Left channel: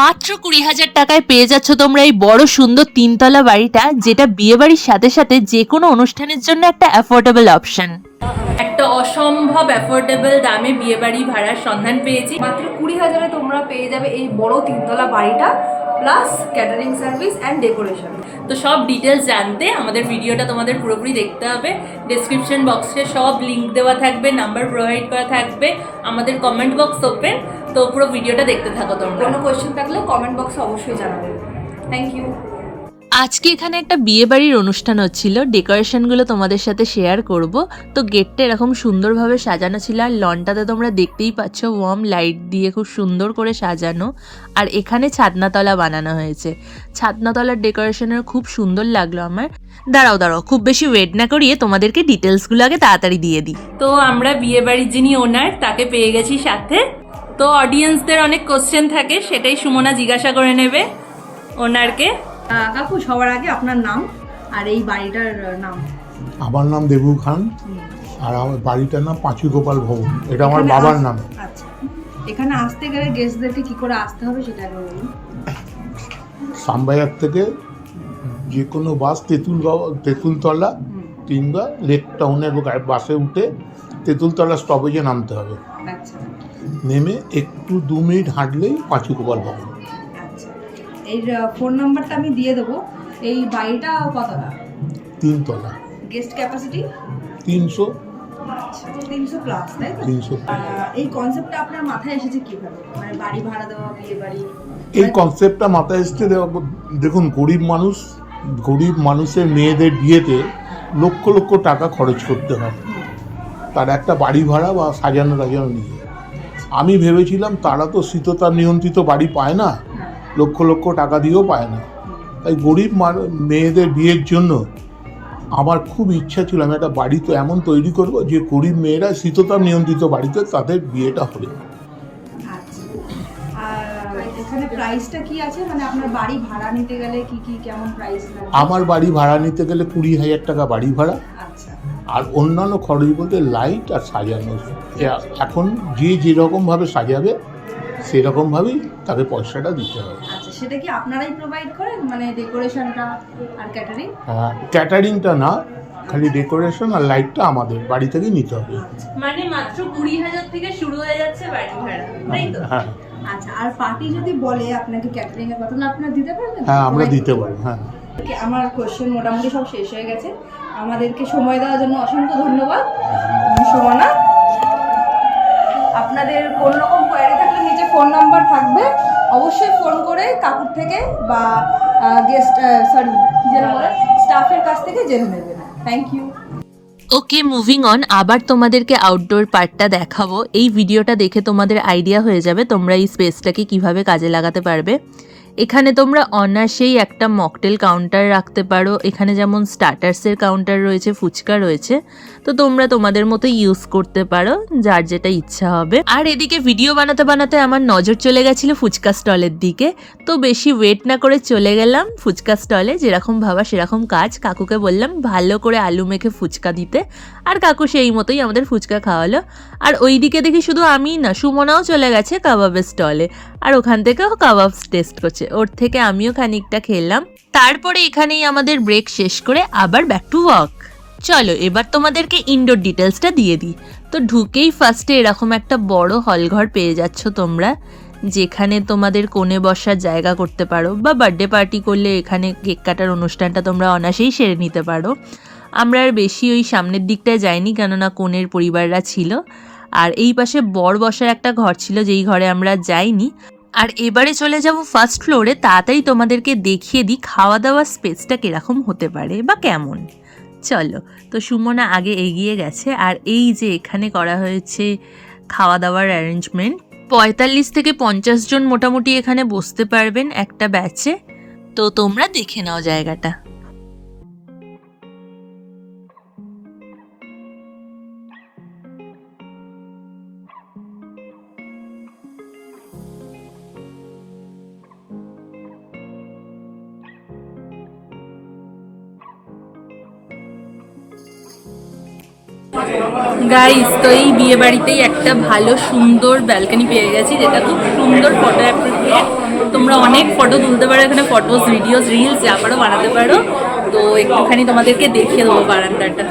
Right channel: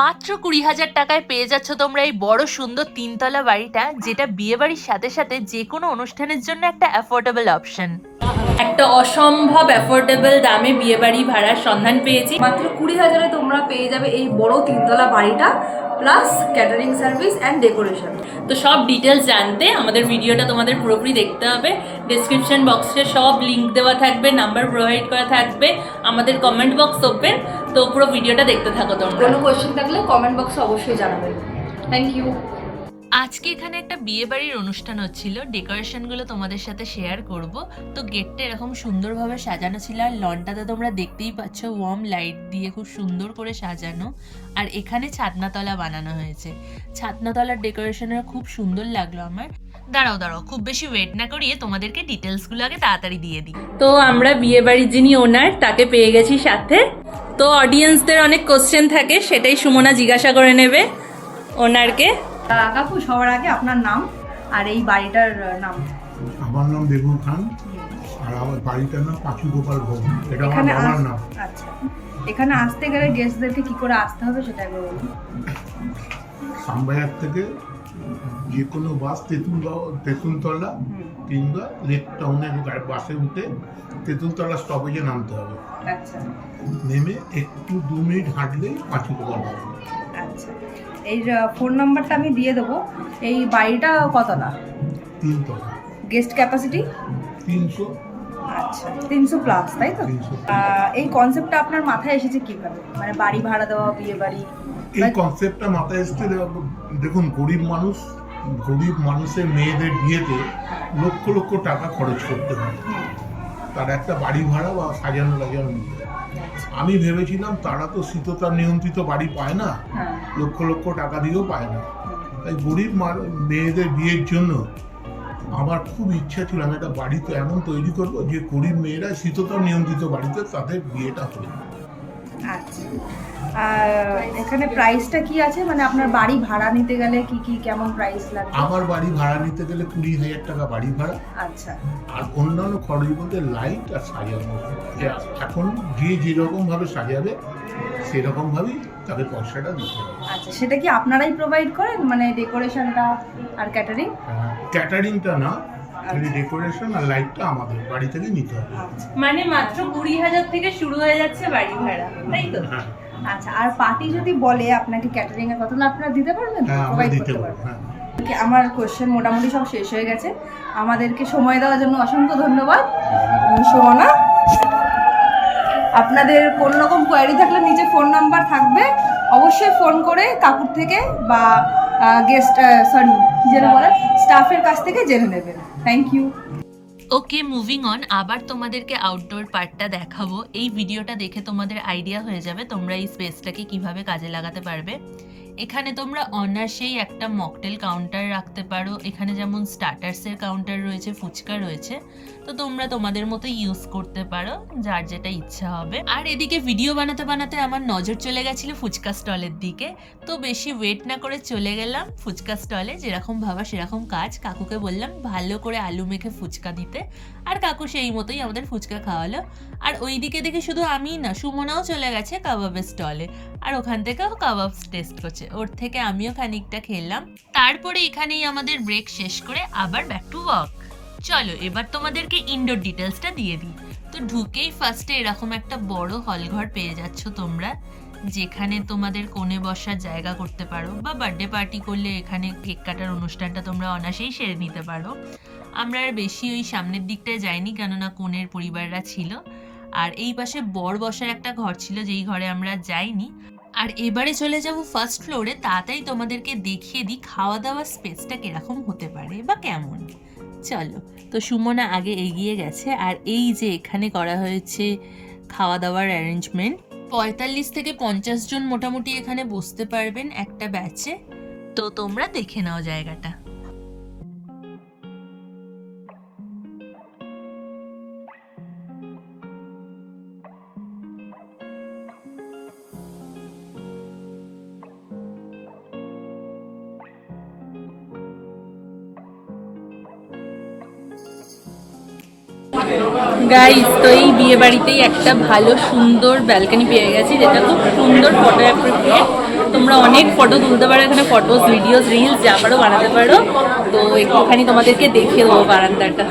মাত্র 20,000 টাকায় পেয়ে যাচ্ছ তোমরা এই বড় সুন্দর 3তলা বাড়িটা, যেটা বিয়ে বাড়ির সাথে সাথে যে কোনো অনুষ্ঠানের জন্য একটা অ্যাফোর্ডেবল অপশন। একটা অসম্ভব অ্যাফোর্ডেবল দামে বিয়ে বাড়ি ভাড়ার সন্ধান পেয়েছি। মাত্র 20,000-এ তোমরা পেয়ে যাবে এই বড় 3তলা বাড়িটা, plus catering service and decoration. তো সব ডিটেলস জানতে আমাদের ভিডিওটা তোমাদের পুরোপুরি দেখতে হবে। ডেসক্রিপশন বক্সে সব লিঙ্ক দেওয়া থাকবে, নাম্বার প্রোভাইড করা থাকবে, আমাদের কমেন্ট বক্স ওপেন। তো পুরো ভিডিওটা দেখতে থাকো তোমরা। কোনো কোয়েশ্চেন থাকলে কমেন্ট বক্সে অবশ্যই জানাবে। Thank you. আজকে এখানে একটা বিয়ে বাড়ির অনুষ্ঠান হচ্ছিল, ডেকোরেশনগুলো তোমাদের সাথে শেয়ার করব। তো গেটটা এরকম সুন্দরভাবে সাজানো ছিল, আর লনটাতে তোমরা দেখতেই পাচ্ছ ওয়ার্ম লাইট দিয়ে খুব সুন্দর করে সাজানো। আর এখানে ছাদনাতলা বানানো হয়েছে। ছাদনাতলার ডেকোরেশনের খুব সুন্দর লাগলো আমার। দাঁড়াও খুব বেশি ওয়েট না করিয়ে তোমাদেরকে ডিটেলসগুলো আগে তাড়াতাড়ি দিয়ে দিই। তো আমরা বিয়ে বাড়ির যিনি ওনার তাকে পেয়ে গেছি সাথে। তো অডিয়েন্সদের অনেক কোশ্চেন থাকে, সেটাই সুমনা জিজ্ঞাসা করে নেবে ওনারকে। কাকু, সবার আগে আপনার নাম আর এই বাড়িটার নাম। আমার নাম দেবু খান, আর আমার বাড়িটার নাম পাঁচু গোপাল ভবন। এটা আমার বাবার নাম। আচ্ছা, এখানে আসতে গেলে গেস্টদেরকে কি করে আসতে হবে সেটা একবার বলুন। সামবাজার থেকে যে কোনো বাস তেঁতুলতলা কিংবা লেক টাউনের বাসে উঠে তেঁতুলতলা স্টপেজে নামতে হবে। আচ্ছা, নেমে একটু 2 মিনিট হাঁটলেই পাঁচু গোপাল ভবন। আচ্ছা, এই ফোন নাম্বারটা আমি দিয়ে দেবো। এই বাড়িটা কতটা? 3তলা। Guest capacity 300। আচ্ছা, 300 প্লাস, তাই তো? 300। এই কনসেপ্টটা আপনার মাথায় এসেছে কিভাবে, মানে বাড়ি ভাড়া দেওয়া, বিয়ে বাড়ি? এই কনসেপ্টটা মাথায় এসছে, দেখুন গরিব মানুষের মেয়েদের বিয়েতে লক্ষ লক্ষ টাকা খরচ করতে হয়, তার একটা বাড়ি ভাড়া বা সাজানো নিয়ে। আমি ভেবেছিলাম তারা তো শীততাপ নিয়ন্ত্রিত বাড়ি পায় না, লক্ষ লক্ষ টাকা দিয়েও পায় না, তাই গরিব মেয়েদের বিয়ের জন্য আমার খুব ইচ্ছা ছিল আমি একটা বাড়ি তো এমন তৈরি করব যে গরিব মেয়েরা শীততাপ নিয়ন্ত্রিত বাড়িতে তাদের বিয়েটা হবে। আচ্ছা, আর এখানে প্রাইসটা কি আছে, মানে আপনার বাড়ি ভাড়া নিতে গেলে কি কেমন প্রাইস লাগে? আমার বাড়ি ভাড়া নিতে গেলে 20,000 টাকা বাড়ি ভাড়া। আচ্ছা, আর অন্যান্য খরচ বলতে লাইট আর সাজানো। এখন যে যেরকমভাবে সাজাবে সেরকমভাবেই তাকে পয়সাটা দিতে হবে। আচ্ছা, সেটা কি আপনারাই প্রোভাইড করেন, মানে ডেকোরেশনটা আর ক্যাটারিং? হ্যাঁ, ক্যাটারিংটা না, খালি ডেকোরেশন আর লাইটটা আমাদের বাড়ি থেকে নিতে হবে। মানে মাত্র 20,000 থেকে শুরু হয়ে যাচ্ছে বাড়ি ভাড়া, তাই তো? হ্যাঁ। আচ্ছা, আর পার্টি যদি বলে আপনাকে ক্যাটারিং এর কথা, না আপনারা দিতে পারবেন? হ্যাঁ, আমরা দিতে পারবো। হ্যাঁ, আমার কোশ্চেন মোটামুটি সব শেষ হয়ে গেছে। আমাদেরকে সময় দেওয়ার জন্য অসংখ্য ধন্যবাদ। সুমনা, আপনাদের কোনো রকম কোয়ারি থাকলে নিচে ফোন নাম্বার থাকবে, অবশ্যই ফোন করে কাকুর থেকে বা স্টাফের কাছ থেকে জেনে নেবেন। Thank you. Okay, moving on. আবার তোমাদেরকে আউটডোর পার্টটা দেখাবো। এই ভিডিওটা দেখে তোমাদের আইডিয়া হয়ে যাবে তোমরা এই স্পেসটাকে কিভাবে কাজে লাগাতে পারবে। এখানে তোমরা অনায়াসেই একটা মকটেল কাউন্টার রাখতে পারো। এখানে যেমন স্টার্টার্সের কাউন্টার রয়েছে, ফুচকা রয়েছে, তো তোমরা তোমাদের মতো ইউজ করতে পারো, যার যেটা ইচ্ছা হবে। আর এদিকে ভিডিও বানাতে বানাতে আমার নজর চলে গেছিল ফুচকা স্টলের দিকে। তো বেশি ওয়েট না করে চলে গেলাম ফুচকা স্টলে। যেরকম ভাবা সেরকম কাজ। কাকুকে বললাম ভালো করে আলু মেখে ফুচকা দিতে, আর কাকু সেই মতোই আমাদের ফুচকা খাওয়ালো। আর ওই দিকে দেখি শুধু আমিই না, সুমনাও চলে গেছে কাবাবের স্টলে, আর ওখান থেকেও কাবাব টেস্ট করছে। ওর থেকে আমিও খানিকটা খেলাম। তারপরে এখানেই আমাদের ব্রেক শেষ করে আবার ব্যাক টু ওয়ার্ক। চলো এবার তোমাদেরকে ইনডোর ডিটেলসটা দিয়ে দিই। তো ঢুকেই ফার্স্টে এরকম একটা বড় হলঘর পেয়ে যাচ্ছ তোমরা, যেখানে তোমাদের কোণে বসার জায়গা করতে পারো, বা বার্থডে পার্টি করলে এখানে কেক কাটার অনুষ্ঠানটা তোমরা অনায়াসেই সেরে নিতে পারো। আমরা আর বেশি ওই সামনের দিকটায় যাইনি, কেননা কোণের পরিবাররা ছিল। আর এই পাশে বর বসার একটা ঘর ছিল, যেই ঘরে আমরা যাইনি। আর এবারে চলে যাব ফার্স্ট ফ্লোরে। তাড়াতাড়ি তোমাদেরকে দেখিয়ে দিই খাওয়া দাওয়ার স্পেসটা কিরকম হতে পারে বা কেমন। চলো, তো সুমনা আগে এগিয়ে গেছে। আর এই যে এখানে করা হয়েছে খাওয়া দাওয়ার অ্যারেঞ্জমেন্ট, 45 থেকে 50 জন মোটামুটি এখানে বসতে পারবেন একটা ব্যাচে। তো তোমরা দেখে নাও জায়গাটা। গাইস, তো এই বিয়ে বাড়িতেই একটা ভালো সুন্দর ব্যালকনি পেয়ে গেছি, যেটা খুব সুন্দর ফটো অ্যাপ্রোপ্রিয়েট। তোমরা অনেক ফটো তুলতে পারো এখানে, ফটোস ভিডিওস রিলস যা পারো বানাতে পারো। তো একটুখানি তোমাদেরকে দেখিয়ে দেবো বারান্দাটা।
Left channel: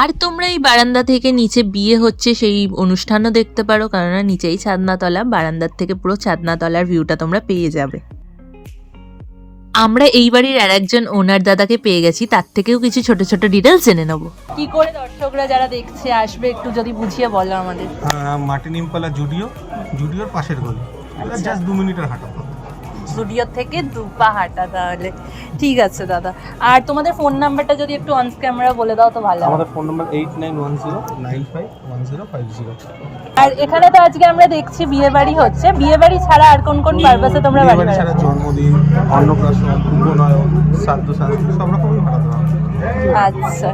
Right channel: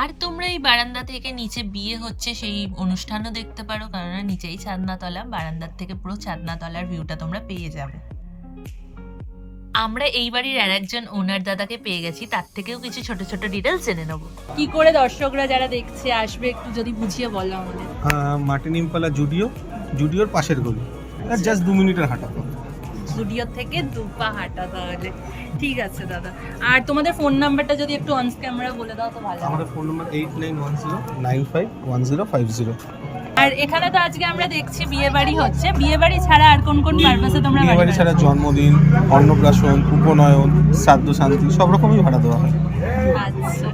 আর তোমরা এই বারান্দা থেকে নিচে বিয়ে হচ্ছে সেই অনুষ্ঠানও দেখতে পারো, কেননা নিচেই ছাদনাতলা, বারান্দার থেকে পুরো ছাদনাতলার ভিউটা তোমরা পেয়ে যাবে। আমরা এই বাড়ির আর একজন ওনার দাদাকে পেয়ে গেছি, তার থেকেও কিছু ছোট ছোট ডিটেলস জেনে নেবো। কি করে দর্শকরা যারা দেখছে আসবে একটু যদি বুঝিয়ে বলো আমাদের। মার্টিন ইম্পালা জুডিওর পাশের গলি, জাস্ট 2 মিনিটের হাঁটা। স্টুডিও থেকে 2 পা হাঁটা, তাহলে ঠিক আছে দাদা। আর তোমাদের ফোন নাম্বারটা যদি একটু অন ক্যামেরা বলে দাও তো ভালো। আমাদের ফোন নাম্বার 8910951050। আর এখানে তো আজকে আমরা দেখছি বিয়ে বাড়ি হচ্ছে, বিয়ে বাড়ি ছাড়া আর কোন কোন পারপাসে তোমরা বাড়ি ভাড়া? ছাড়া জন্মদিন, অন্নপ্রাশন, উপনয়ন, শ্রাদ্ধ শান্তি সব রকমই ভাড়া দেওয়া হয়। আচ্ছা,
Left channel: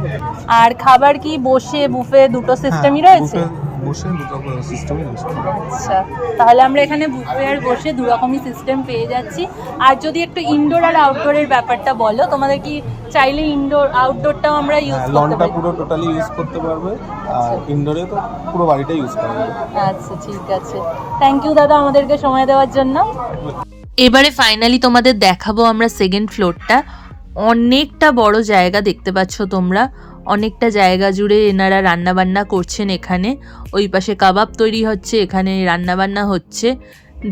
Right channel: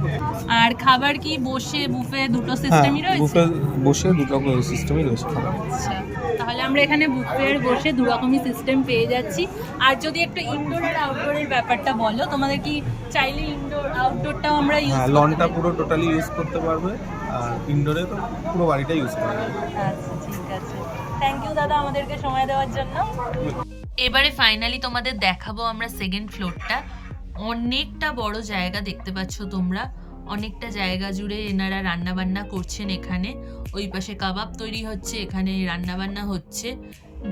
আর খাবার কি বসে বুফে দুটো সিস্টেমই রয়েছে? বসে দুটো সিস্টেমই রয়েছে। আচ্ছা, তাহলে আমরা এখানে বুফে আর বসে দু রকমই সিস্টেম পেয়ে যাচ্ছি। আর যদি একটু ইনডোর আর আউটডোরের ব্যাপারটা বলো, তোমাদের কি চাইলে ইনডোর আউটডোরটাও আমরা ইউজ করতে লনটা পারি? পুরো টোটালি ইউজ করতে পারবে, আর ইনডোরে তো পুরো বাড়িটা ইউজ করা যাবে। আচ্ছা ঠিক আছে, থ্যাংক ইউ দাদা আমাদেরকে সময় দেওয়ার জন্য। এবারে ফাইনালি তোমাদের দেখাবো আমরা সেকেন্ড ফ্লোরটা। অনেকটা বড় জায়গা দেখতে পাচ্ছ তোমরা, অনেকটা জায়গা জুড়ে এনারা রান্না বান্না করছেন। এখানে ওই পাশে কাবাব তৈরি হচ্ছে, এখানে রান্না বান্না হচ্ছে।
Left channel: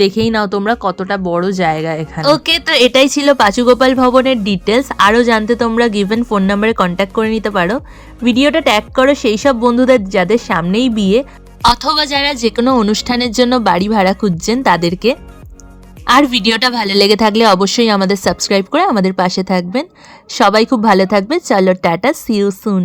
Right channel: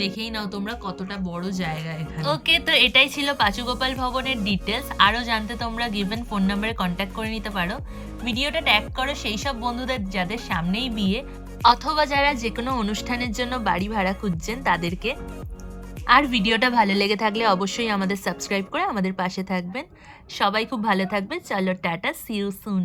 দেখেই নাও তোমরা কতটা বড় জায়গা এখানে। ওকে, তো এটাই ছিল পাঁচুগোপাল ভবনের ডিটেলস। আরও জানতে তোমরা গিভেন ফোন নাম্বারে কন্ট্যাক্ট করে নিতে পারো। ভিডিওটা ট্যাগ করো সেই সব বন্ধুদের যাদের সামনেই বিয়ে, অথবা যারা যে কোনো অনুষ্ঠানের জন্য বাড়ি ভাড়া খুঁজছেন তাদেরকে। আর ভিডিওটা ভালো লেগে থাকলে অবশ্যই আমাদের সাবস্ক্রাইব করে আমাদের পাশে থাকবেন। সবাই খুব ভালো থাকবে। চলো টাটা, সি ইউ সুন।